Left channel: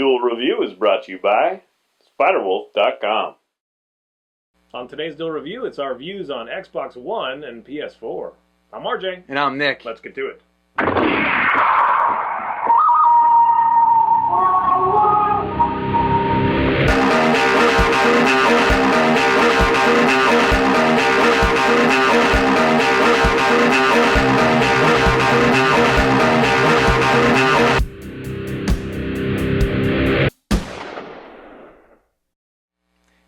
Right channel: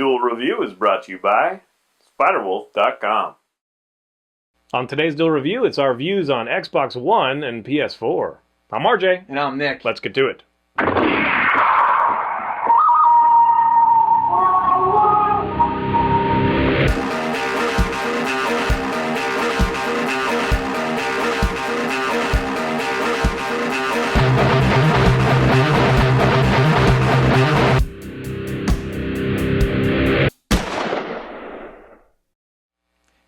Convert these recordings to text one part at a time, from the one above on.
Duel Review is brought to you by SpiderWolf.com. On today's Duel Review, it's our views on Xbox One and PS4. I'm RJ. And I'm Nick. Let's get to it.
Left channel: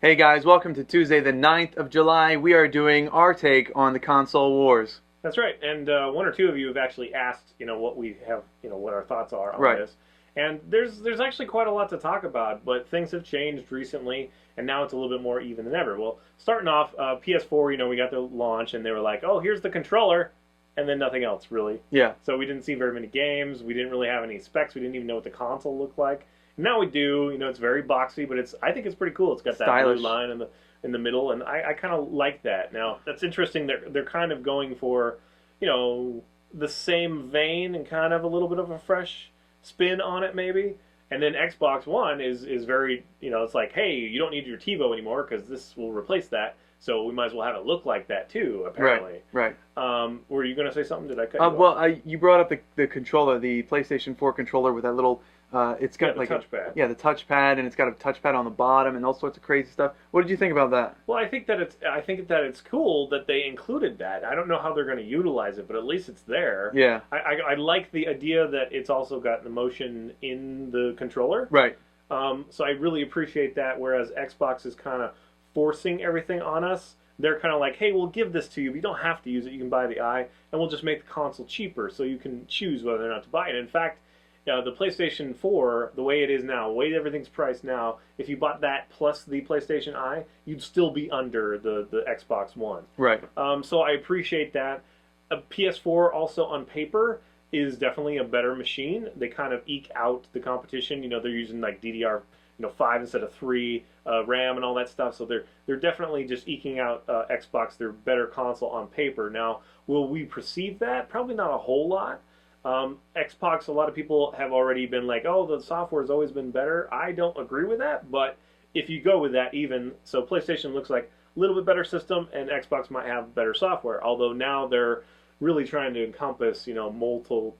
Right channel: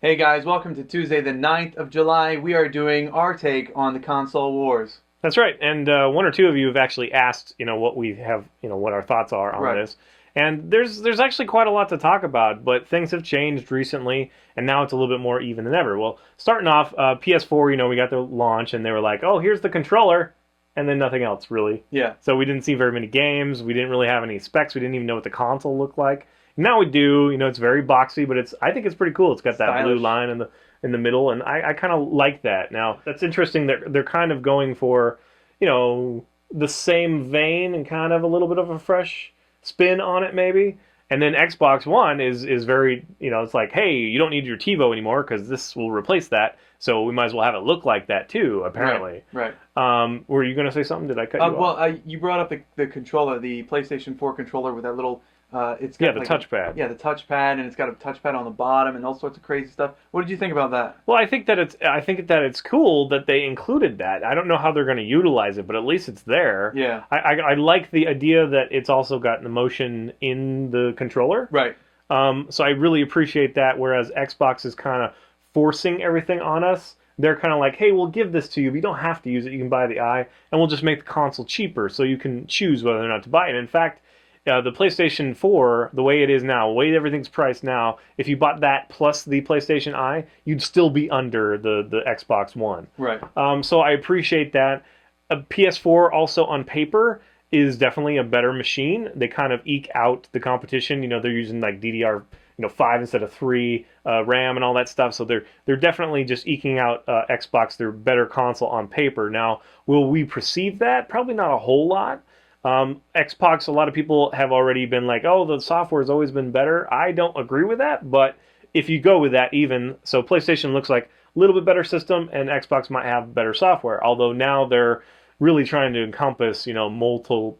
Hey guys, welcome to Tuesday the 9th of July. We are doing our take on the console wars. That's right, and one or two of you have actually asked, what we have, what our thoughts are on this. And there's actually quite a lot to talk about, but things have changed recently, and now it's a little bit more even than ever. Well, starting off, PS4, we got the launch, and they were like, oh, here's the controller, and then nothing else, really. Yeah. So we didn't see very many games, we didn't really have any specs, we didn't even know what the console looked like. Now we do, it's very boxy, but I think it's pretty cool. It's got that stylish blue line in the middle, and I kind of like that. Now, that's interesting. They're kind of going for, the same vein and kind of a little bit of a fresh spin on it, maybe. And then Xbox One is very, it's like, hey, you don't need your TiVo anymore because this will replace that. So we might as well have it look like that too, apparently. Right. Were you going to say something? Did I cut you off? Well, you brought up the controller, the PlayStation 4 controller with that little... it's got the touchpad. Yeah, the touchpad, and it's got a touchpad on the bottom and all sorts of crazy stuff. What did you think about that? Well, I think that it's cool that they included that. I don't know how they're going to utilize it, but at least it's there. Yeah. I like the idea that it's also got the motion in the controller. Right. So I really appreciate that. Whereas Xbox is kind of forcing everything on us. They're kind of like, hey, we'll give this to you, but you don't have to use it. You can buy the eye, and we'll just make the console cheaper, so you can choose whether or not to buy it. In fact, the PlayStation 4, the way it is now, the way everything's priced now, if you bought that plus the PlayStation Eye, you'd still be under the Xbox One. Right. So I appreciate that. A PS4 also on paper is definitely a better machine. They kind of eke out the competition. They're using like DDR5 instead of 3 RAM and all that stuff. So they're definitely just eking out Xbox, their better console on paper. Now, will we perceive that? Probably not a whole lot. Xbox, a lot of people have already been like, oh, the software's always been better. I don't agree with that, but if you go with that so PlayStation looks like a little bit better system, and Xbox might have better software, although now they're really trying to encompass, multiple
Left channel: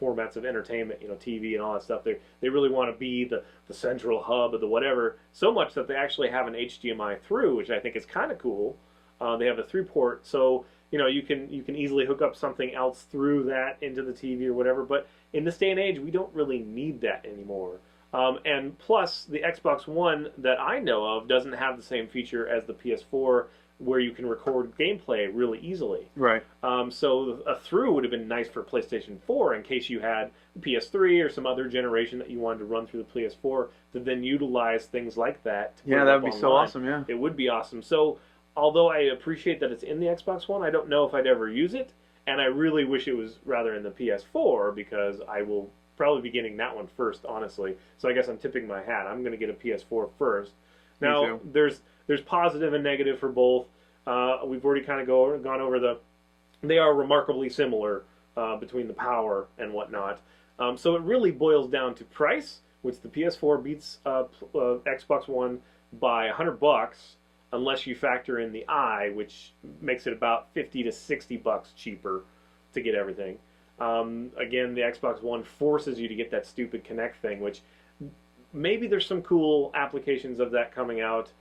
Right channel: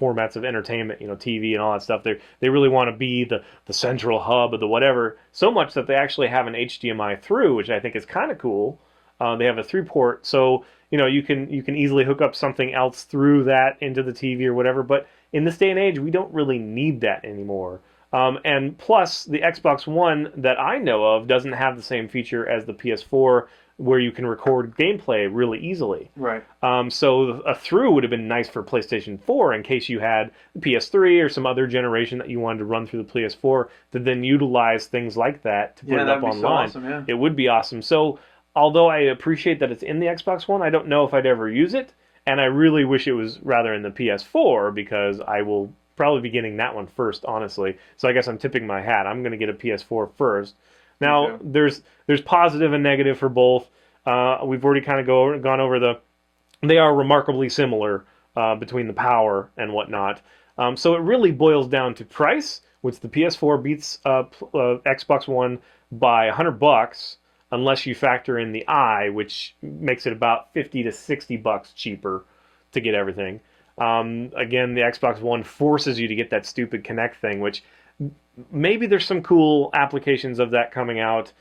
formats of entertainment, TV and all that stuff. They really want to be the central hub of the whatever, so much that they actually have an HDMI through, which I think is kind of cool. They have a 3-port, so you can easily hook up something else through that into the TV or whatever. But in this day and age, we don't really need that anymore. And plus, the Xbox One that I know of doesn't have the same feature as the PS4, where you can record gameplay really easily. Right. So a through would have been nice for PlayStation 4 in case you had the PS3 or some other generation that you wanted to run through the PS4 to then utilize things like that to put it up online. So awesome, yeah. It would be awesome. So although I appreciate that it's in the Xbox One, I don't know if I'd ever use it, and I really wish it was rather in the PS4 because I will probably be getting that one first, honestly. So I guess I'm tipping my hat. I'm going to get a PS4 first. Now, there's positive and negative for both. We've already kind of gone over they are remarkably similar between the power and whatnot. So it really boils down to price, which the PS4 beats Xbox One by $100. Unless you factor in the eye, which makes it about $50 to $60 cheaper to get everything. Again, the Xbox One forces you to get that stupid Kinect thing, which maybe there's some cool applications of that coming out,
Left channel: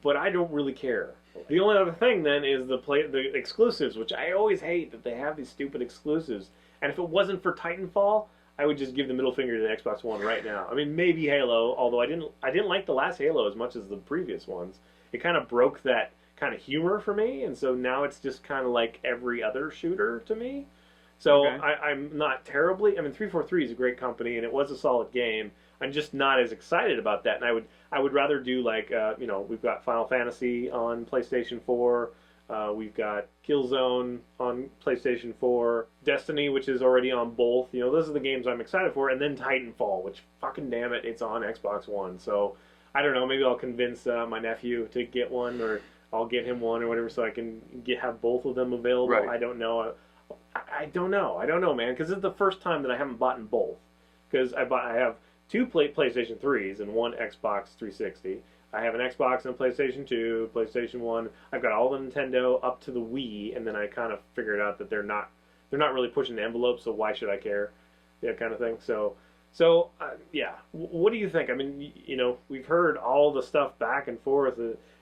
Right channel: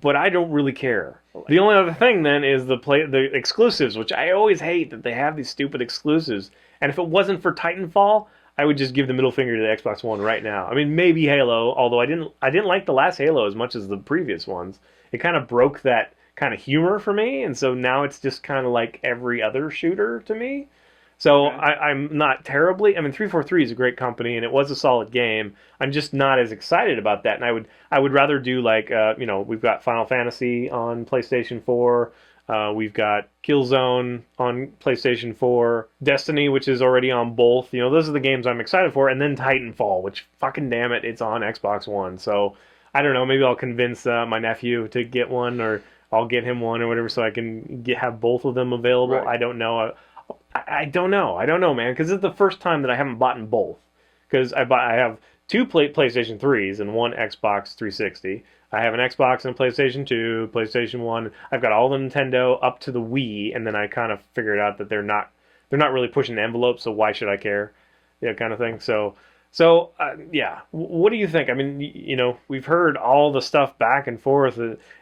but I don't really care. The only other thing then is the exclusives, which I always hate that they have these stupid exclusives. And if it wasn't for Titanfall, I would just give the middle finger to the Xbox One right now. I mean, maybe Halo, although I didn't like the last Halo as much as the previous ones. It kind of broke that kind of humor for me, and so now it's just kind of like every other shooter to me. So okay. I'm not terribly... 343 is a great company, and it was a solid game. I'm just not as excited about that, and I would rather do like, we've got Final Fantasy on PlayStation 4, we've got Killzone on PlayStation 4, Destiny, which is already on both. Those are the games I'm excited for, and then Titanfall, which, fucking damn it, it's on Xbox One, so... I don't know, maybe I'll convince my nephew to get one, or I'll get him one or whatever so I can have both of them available. Right. I don't know. I don't know, man, because it's the first time that I haven't bought both. Because I have two PlayStation 3s and one Xbox 360. I have an Xbox and a PlayStation 2, PlayStation 1. I've got all the Nintendo up to the Wii, and then I kind of figured out that they're not really pushing the envelope, so why should I care? Yeah, kind of thing. So yeah. What do you think? I mean, we've heard all the stuff back and forth.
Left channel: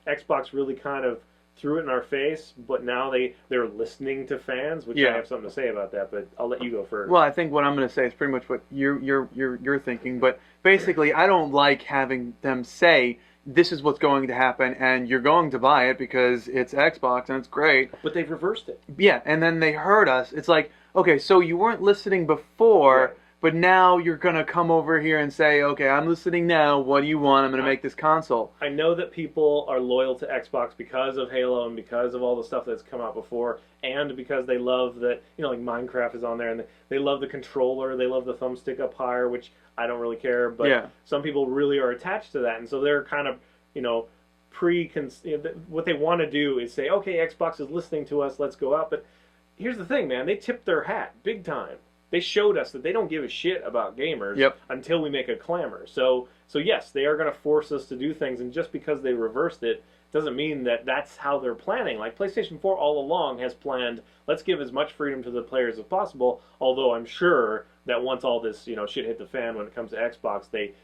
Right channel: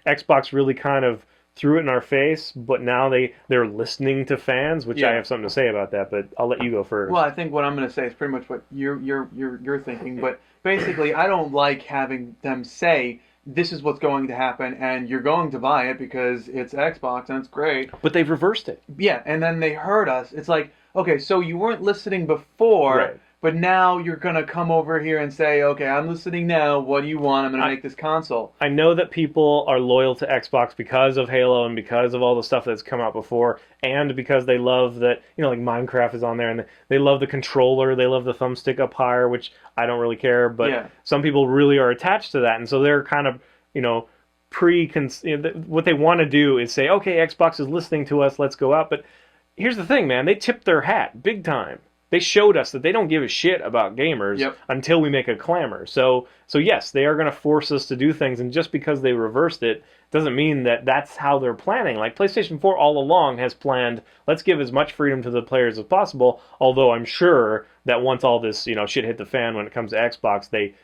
Xbox really kind of threw it in our face, but now they're listening to fans, which I Yeah. have something to say about that. But I'll let you go first. Well, I think what I'm going to say is pretty much what you're thinking. But basically, I don't like having them say this is what's going to happen, and you're going to buy it because it's Xbox and it's great. But they've reversed it. Yeah, and then they heard us. It's like, okay, so you weren't listening before. Right. But now you're going to come over here and say, okay, I'm listening now. What do you want? I'm going to make this console. I know that people are loyal to Xbox because of Halo and because of all the stuff that's come out before, and because they love that, like Minecraft is on there, and they love the controller, they love the thumbstick up higher, which I don't really care, but Yeah. some people really are attached to that, and so they're kind of, what they want to do is say, okay, Xbox is listening to us, let's go out. But here's the thing, man, they tipped their hat big time. They showed us that they don't give a shit about gamers Yep. until we make a clamor. So yes, they are going to force us to do things, and just because they reversed it doesn't mean that that's how they're planning. Like PlayStation 4 all along has planned, let's give as much freedom to the players as possible, although I'm sure that once all this, shit hit the fan when it comes to Xbox, they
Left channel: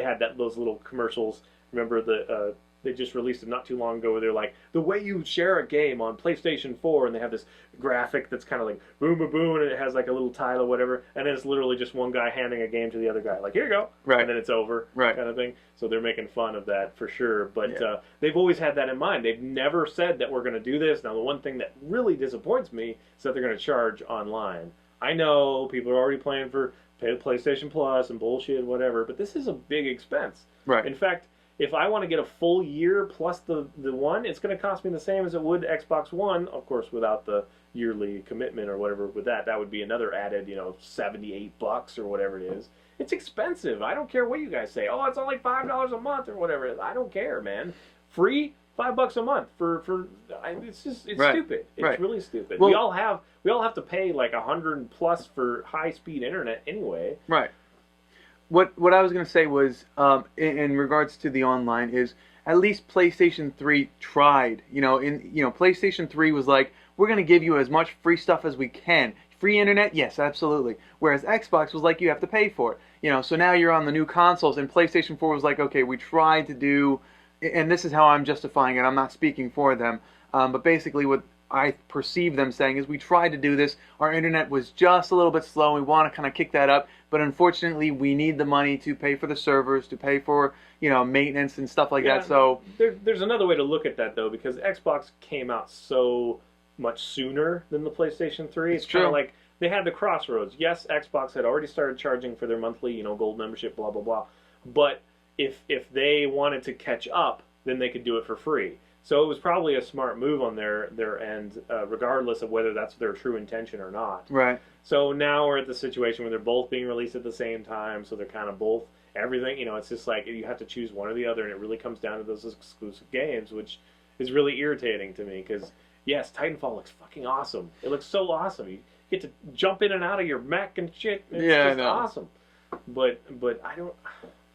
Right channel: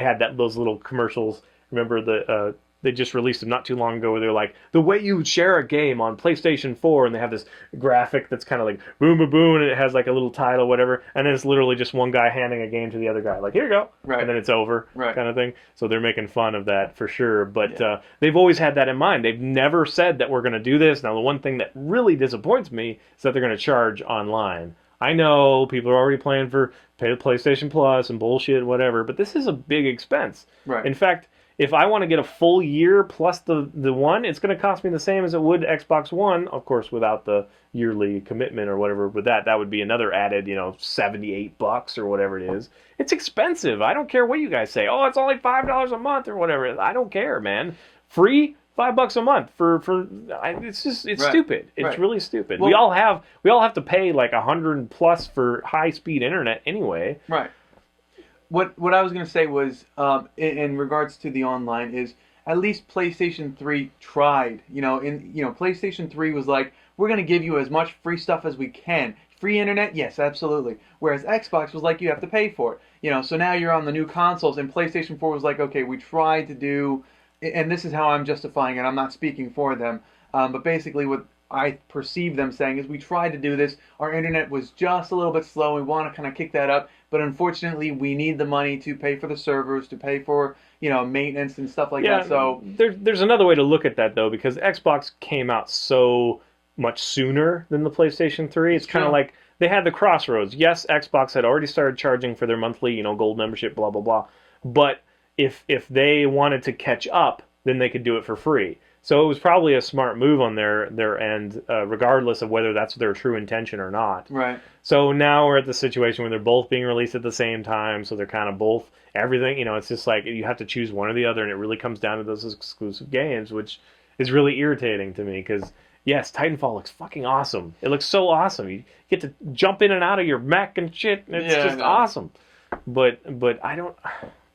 had those little commercials. Remember they just released them not too long ago where they're like, the way you share a game on PlayStation 4, and they have this graphic that's kind of like boom, boom, boom, and it has like a little title, whatever, and then it's literally just one guy handing a game to the other guy, like, here you go, Right. and then it's over, Right. kind of thing. So they're making fun of that for sure, but they've always had that in mind. They've never said that we're going to do this. Now, the one thing that really disappoints me is that they're going to charge online. I know people are already playing for PlayStation Plus and bullshit, whatever, but this is a big expense. Right. In fact, if I want to get a full year plus the one, it's going to cost me the same as it would Xbox One, of course, without the yearly commitment or whatever. With that would be another added, $78 or whatever it is. It's expensive. I don't care what you guys say. Oh, it's only $5 a month or whatever. I don't care, man. Free $5 a month it's Right. stupid. It's Right. really stupid. Well, we all have to pay like $100 plus for high speed internet anyway. Right. What I was going to say was, in regards to the online, is at least PlayStation 3 tried. PlayStation 3 was like, we're going to give you as much free stuff as we can. Free internet, yes, absolutely. Whereas Xbox was like, you have to pay for it. So now you're on the new consoles, and PlayStation 4 was like, okay, we tried to do, and this is how I'm justifying it. I'm not speaking for them, but basically what I perceive them saying is, we tried to do this. Our internet was just a little bit slow. We want to kind of kick that up. But unfortunately, we need the money to pay for the servers, to pay for, maintenance and stuff like that. So there's another way to look at that, though, because Xbox came out so much sooner than the PlayStation 3. It's kind of like they had the crossroads. Yes, Xbox had already started charging for their monthly, gold membership, blah, blah, blah. But if they wanted to catch up, then they could do it for free. So it was probably a smart move on their end, regardless of whether that's their true intention or not. Right. So now we're at the situation where they're both being released at the same time, so they're kind of both everything. It's just like you have to choose one or the other, and it really comes down to those exclusive games, which is really irritating to me because, yes, Titanfall looks fucking awesome. It looks so awesome. You get to jump in and out of your mech and shit, and it's just awesome. But I don't,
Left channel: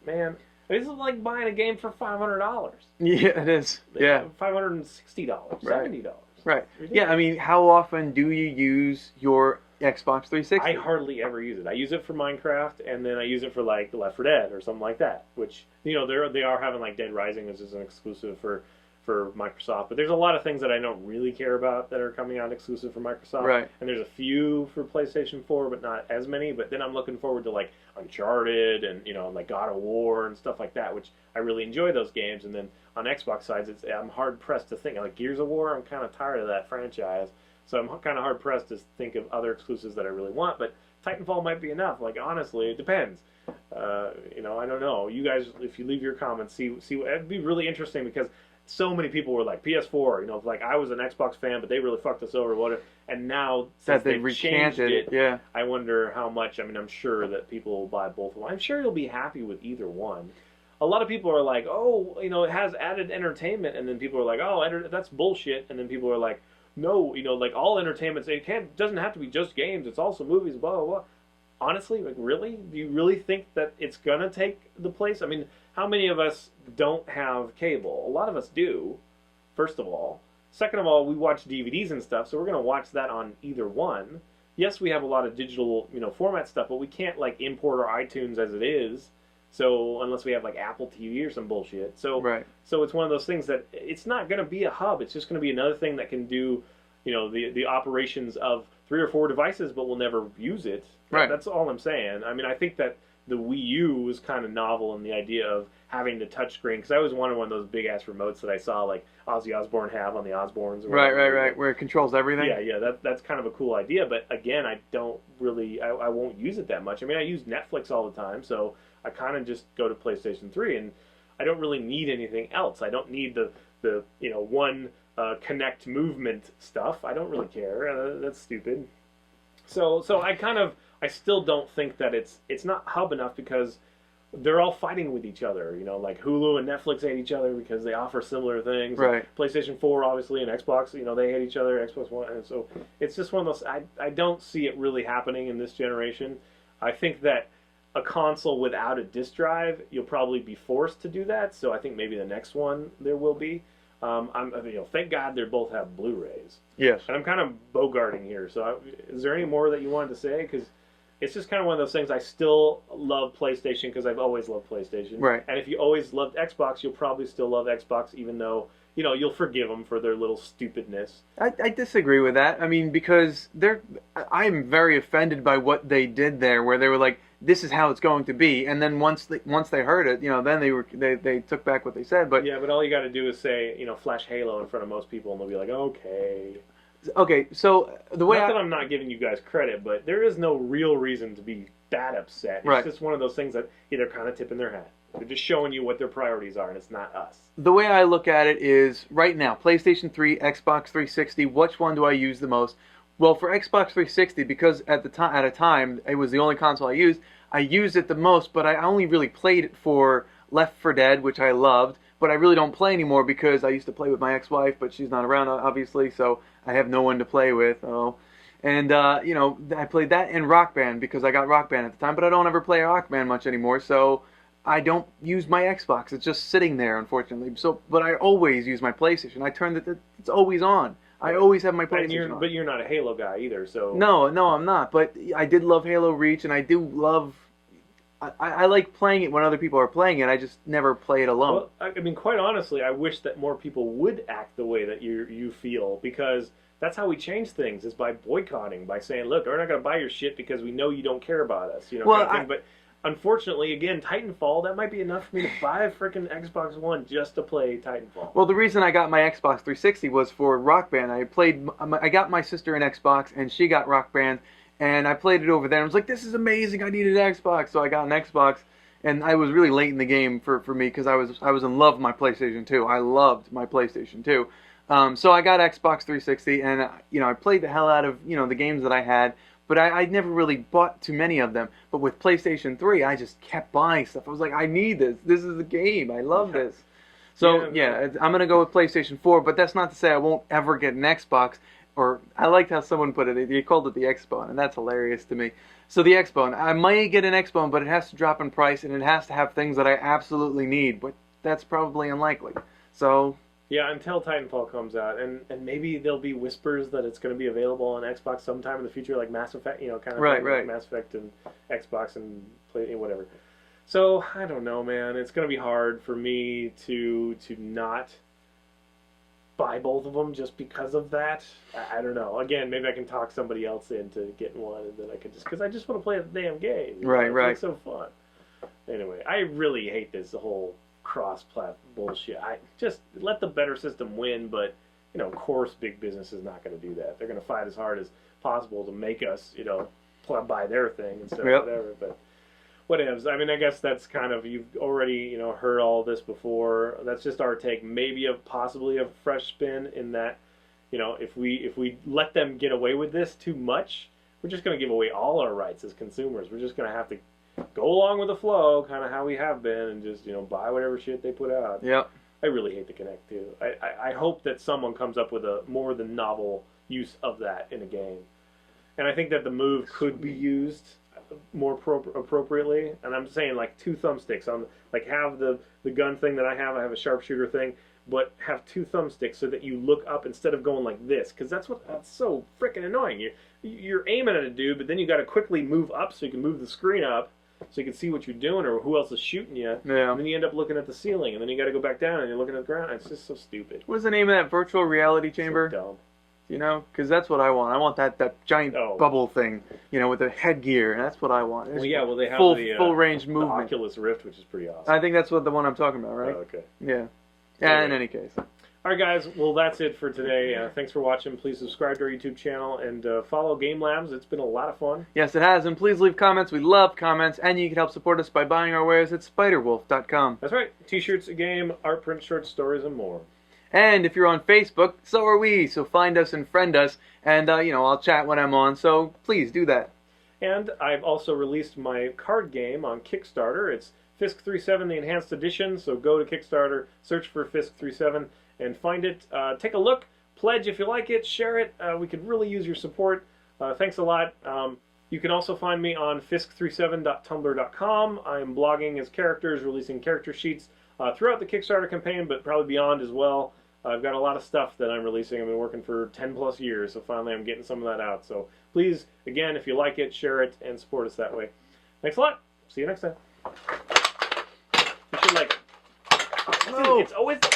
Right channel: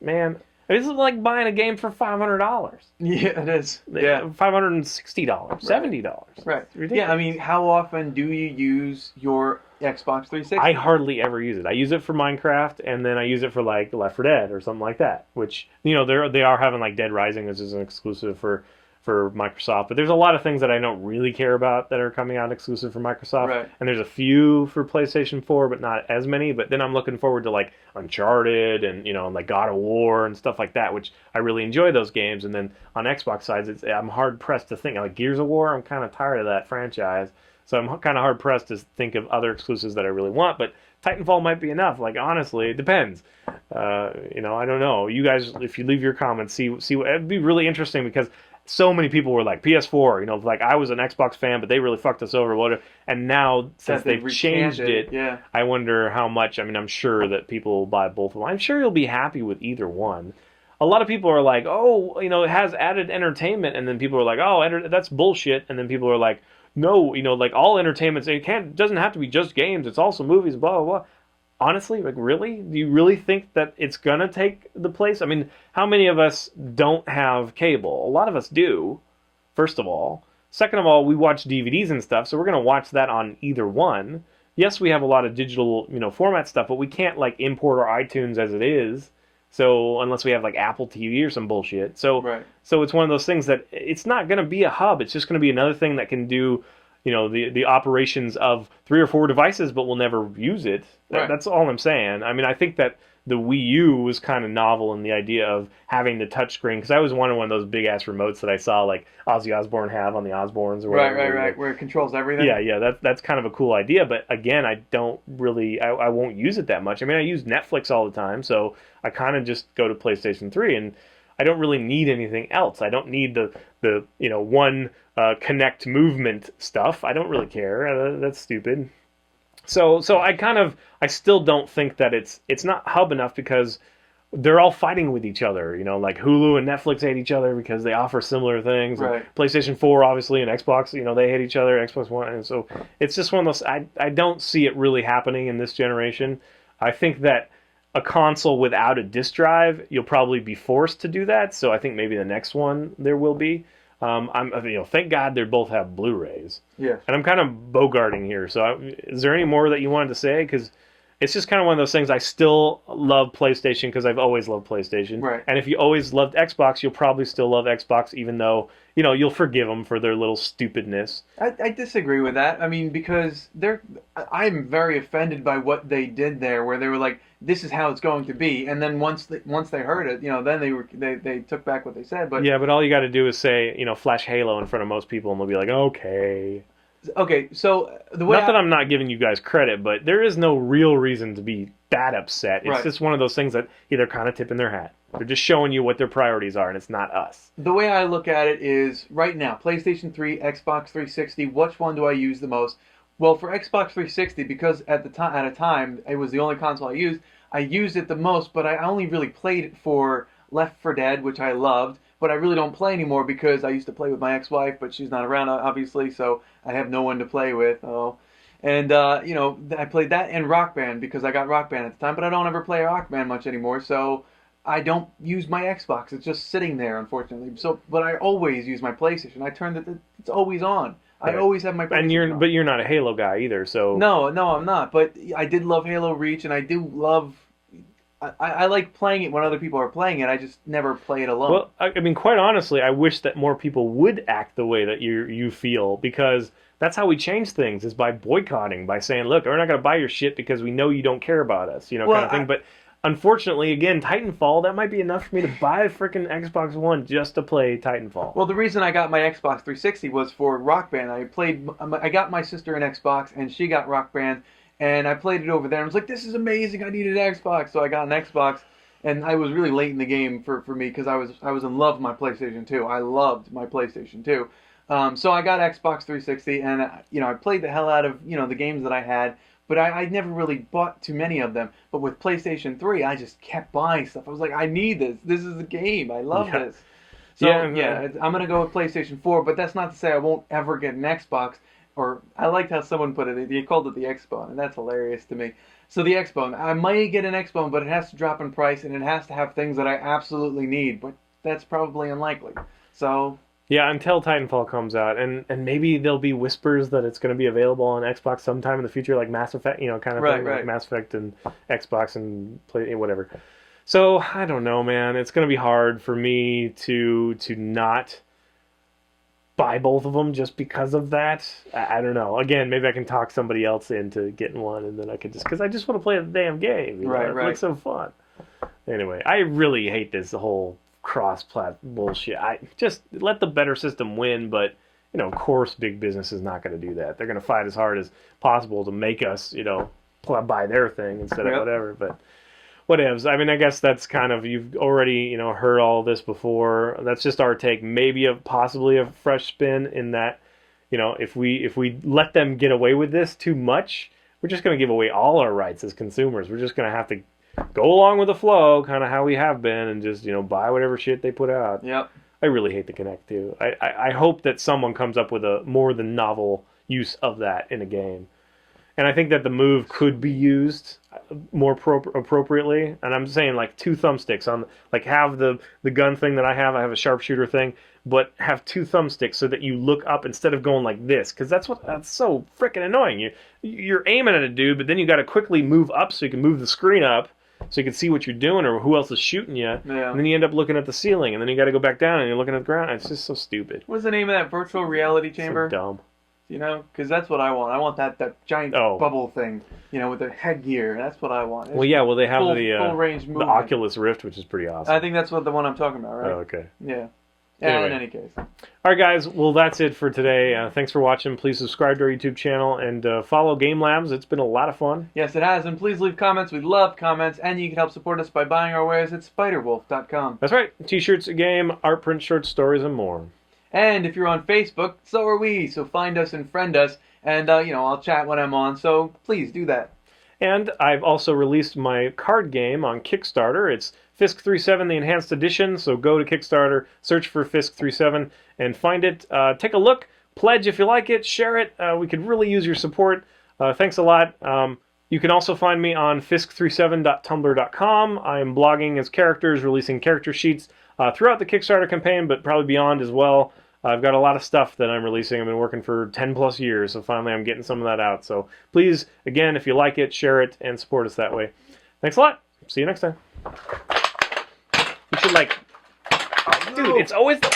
man. This is like buying a game for $500. Yeah, it is. Yeah. $560, $70. Right. Yeah, I mean, how often do you use your Xbox 360? I hardly ever use it. I use it for Minecraft, and then I use it for like Left 4 Dead or something like that. Which they are having like Dead Rising. This is an exclusive for Microsoft. But there's a lot of things that I don't really care about that are coming out exclusive for Microsoft. Right. And there's a few for PlayStation 4, but not as many. But then I'm looking forward to like Uncharted and like God of War and stuff like that, which I really enjoy those games. And then on Xbox sides, I'm hard pressed to think like Gears of War. I'm kind of tired of that franchise, so I'm kind of hard pressed to think of other exclusives that I really want. But Titanfall might be enough. Like honestly, it depends. I don't know. You guys, if you leave your comments, see, it'd be really interesting because so many people were like PS4, like I was an Xbox fan, but they really fucked us over, whatever. And now since they've changed it, yeah. I wonder how much. I mean, I'm sure that people will buy both of them. I'm sure you'll be happy with either one. A lot of people are like, oh, it has added entertainment, and then people are like, oh, that's bullshit. And then people are like, no, like all entertainment, doesn't have to be just games. It's also movies, blah blah blah. honestly, like, really? Do you really think that it's gonna take the place? I mean, how many of us don't have cable? A lot of us do, first of all. Second of all, we watch DVDs and stuff, so we're gonna watch that on either one. Yes, we have a lot of digital, format stuff, but we can't like import our iTunes as it is. So unless we have like Apple TV or some bullshit. So Right. so it's one of those things that it's not going to be a hub. It's just going to be another thing that can do, the operations of 3 or 4 devices, but we'll never use it. Right. That's all I'm saying. I mean, I think that the Wii U was kind of novel in the idea of having the touchscreen, because I always wanted one of those big ass remotes that I saw like Ozzy Osbourne have on the Osbournes or whatever. Right, where it controls everything. Yeah. That's kind of a cool idea, but again, I don't really, I won't use it that much. I mean, I use Netflix all the time, so I kind of just go to PlayStation 3, and I don't really need anything else. I don't need the one Connect movement stuff. I don't really care. That's stupid. So I still don't think that it's not hub enough, because they're all fighting with each other. Like Hulu and Netflix hate each other because they offer similar things. Right. And PlayStation 4 obviously and Xbox, they hate each other. Xbox One, and so it's just one of those. I don't see it really happening in this generation. I think that a console without a disc drive, you'll probably be forced to do that. So I think maybe the next one there will be. Thank God they both have Blu-rays. Yes. And I'm kind of bogarting here. So is there any more that you wanted to say? Because it's just kind of one of those things. I still love PlayStation because I've always loved PlayStation. Right. And if you always loved Xbox, you'll probably still love Xbox, even though you'll forgive them for their little stupidness. I disagree with that. I mean, because I'm very offended by what they did there, where they were like, "This is how it's going to be," and then once they heard it, then they took back what they said. But yeah, but all you got to do is say, flash Halo in front of most people, and they'll be like, okay. Okay, so the way not that I'm not giving you guys credit, but there is no real reason to be that upset. It's Right. just one of those things that they're kind of tipping their hat. They're just showing you what their priorities are, and it's not us. The way I look at it is, right now, PlayStation 3, Xbox 360, which one do I use the most? Well, for Xbox 360, because at a time it was the only console I used it the most, but I only really played it for Left 4 Dead, which I loved, but I really don't play anymore because I used to play with my ex-wife, but she's not around, obviously, so I have no one to play with. And I played that and Rock Band because I got Rock Band at the time, but I don't ever play Rock Band much anymore, so I don't use my Xbox. It's just sitting there, unfortunately. But I always use my PlayStation. I turn it; it's always on. I always have my PlayStation. And you're not a Halo guy either, so no, I'm not. But I did love Halo Reach, and I do love. I like playing it when other people are playing it. I just never play it alone. Well, I mean, quite honestly, I wish that more people would act the way that you feel, because that's how we change things, is by boycotting, by saying, look, we're not going to buy your shit because we know you don't care about us, kind of thing. But unfortunately, again, Titanfall, that might be enough for me to buy a freaking Xbox One just to play Titanfall. Well, the reason I got my Xbox 360 was for Rock Band. I got my sister an Xbox, and she got Rock Band, and I played it over there. I was like, this is amazing. I needed an Xbox, so I got an Xbox. And I was really late in the game for me because I was in love with my PlayStation 2. I loved my PlayStation 2. So I got Xbox 360, and I played the hell out of the games that I had. But I never really bought too many of them. But with PlayStation 3, I just kept buying stuff. I was like, I need this. This is a game. I love this. So I'm gonna go with PlayStation 4. But that's not to say I won't ever get an Xbox. Or I liked how someone put it. He called it the Xbone, and that's hilarious to me. So the Xbone, I might get an Xbone, but it has to drop in price, and it has to have things that I absolutely need. But that's probably unlikely. So yeah, until Titanfall comes out, and maybe there'll be whispers that it's going to be available on Xbox sometime in the future, like Mass Effect, kind of thing, right. like Mass Effect and Xbox and play whatever. So I don't know, man. It's going to be hard for me to not buy both of them just because of that. I don't know. Again, maybe I can talk somebody else into getting one, and then I could because I just want to play the damn game. Right. It's so fun. Anyway, I really hate this whole cross-plat bullshit. I just let the better system win, but of course, big business is not going to do that. They're going to fight as hard as possible to make us, buy their thing instead of whatever. But whatevs. I mean, I guess that's kind of, you've already, heard all this before. That's just our take. Maybe possibly a fresh spin in that, if we let them get away with this too much, we're just going to give away all our rights as consumers. We're just going to have to go along with the flow, kind of how we have been, and just, buy whatever shit they put out. Yeah. I really hate the Kinect, too. I hope that someone comes up with a more than novel use of that in a game. And I think that the Move could be used. more appropriately, and I'm saying like 2 thumbsticks on, like have the gun thing that I have a sharpshooter thing, but have 2 thumbsticks so that you look up instead of going like this, because that's so freaking annoying. You're aiming at a dude, but then you got to quickly move up so you can move the screen up so you can see what you're doing or who else is shooting you. Yeah. And then you end up looking at the ceiling, and then you got to go back down and you're looking at the ground. It's just so stupid. What's the name of that virtual reality chamber? So dumb. You know, because that's what I want. I want that giant bubble thing, you know, with the headgear. That's what I want. Well, yeah, well, they have full range the movement. Oculus Rift, which is pretty awesome. I think that's the one I'm talking about, right? Oh, okay. Yeah. Anyway. In any case. All right, guys. Well, that's it for today. Thanks for watching. Please subscribe to our YouTube channel and follow Game Labs. It's been a lot of fun. Yes, it has. And please leave comments. We love comments. And you can help support us by buying our wares at spiderwolf.com. That's right. T-shirts, a game, art print, short stories, and more. And if you're on Facebook, so are we. So find us and friend us. And, you know, I'll chat when I'm on. So please do that. And I've also released my card game on Kickstarter. It's Fisk 37, the Enhanced Edition. So go to Kickstarter, search for Fisk 37, and find it. Take a look. Pledge if you like it. Share it. We could really use your support. Thanks a lot. You can also find me on fisk37.tumblr.com. I am blogging as characters, releasing character sheets throughout the Kickstarter campaign, but probably beyond as well. I've got a lot of stuff that I'm releasing. I've been working for 10 plus years, so finally I'm getting some of that out. So please, again, if you like it, share it and support us that way. Thanks a lot. See you next time. You should like... Dude, it's always the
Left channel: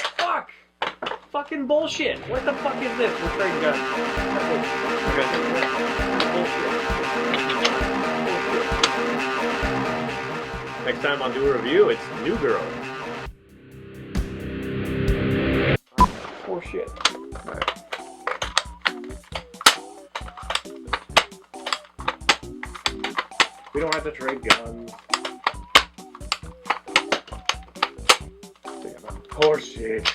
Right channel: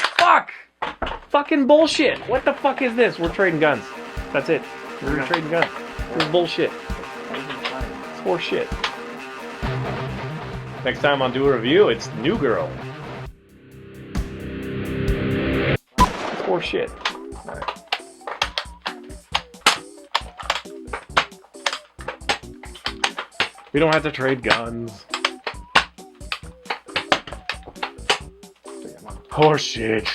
fucking bullshit. What the fuck is this? We're trading guns. That's it. We're trading guns. This is bullshit. Bullshit. Next time on Do a Review, it's New Girl. Shit. We don't have to trade guns. Horseshit.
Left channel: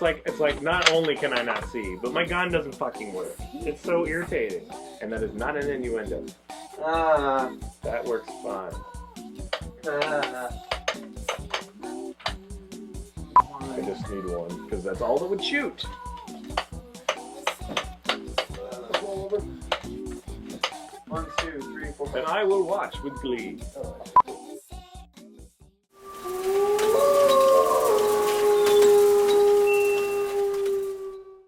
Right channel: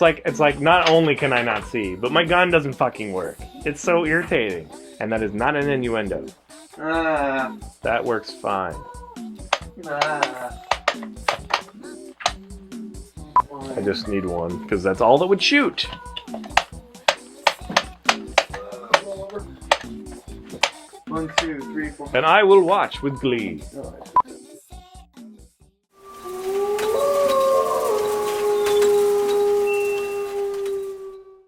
It's like not only can I not see, but my gun doesn't fucking work. It's so irritating. And that is not an innuendo. That works fine. I just need one, because that's all that would shoot. 1, 2, 3, 4. And I will watch with glee.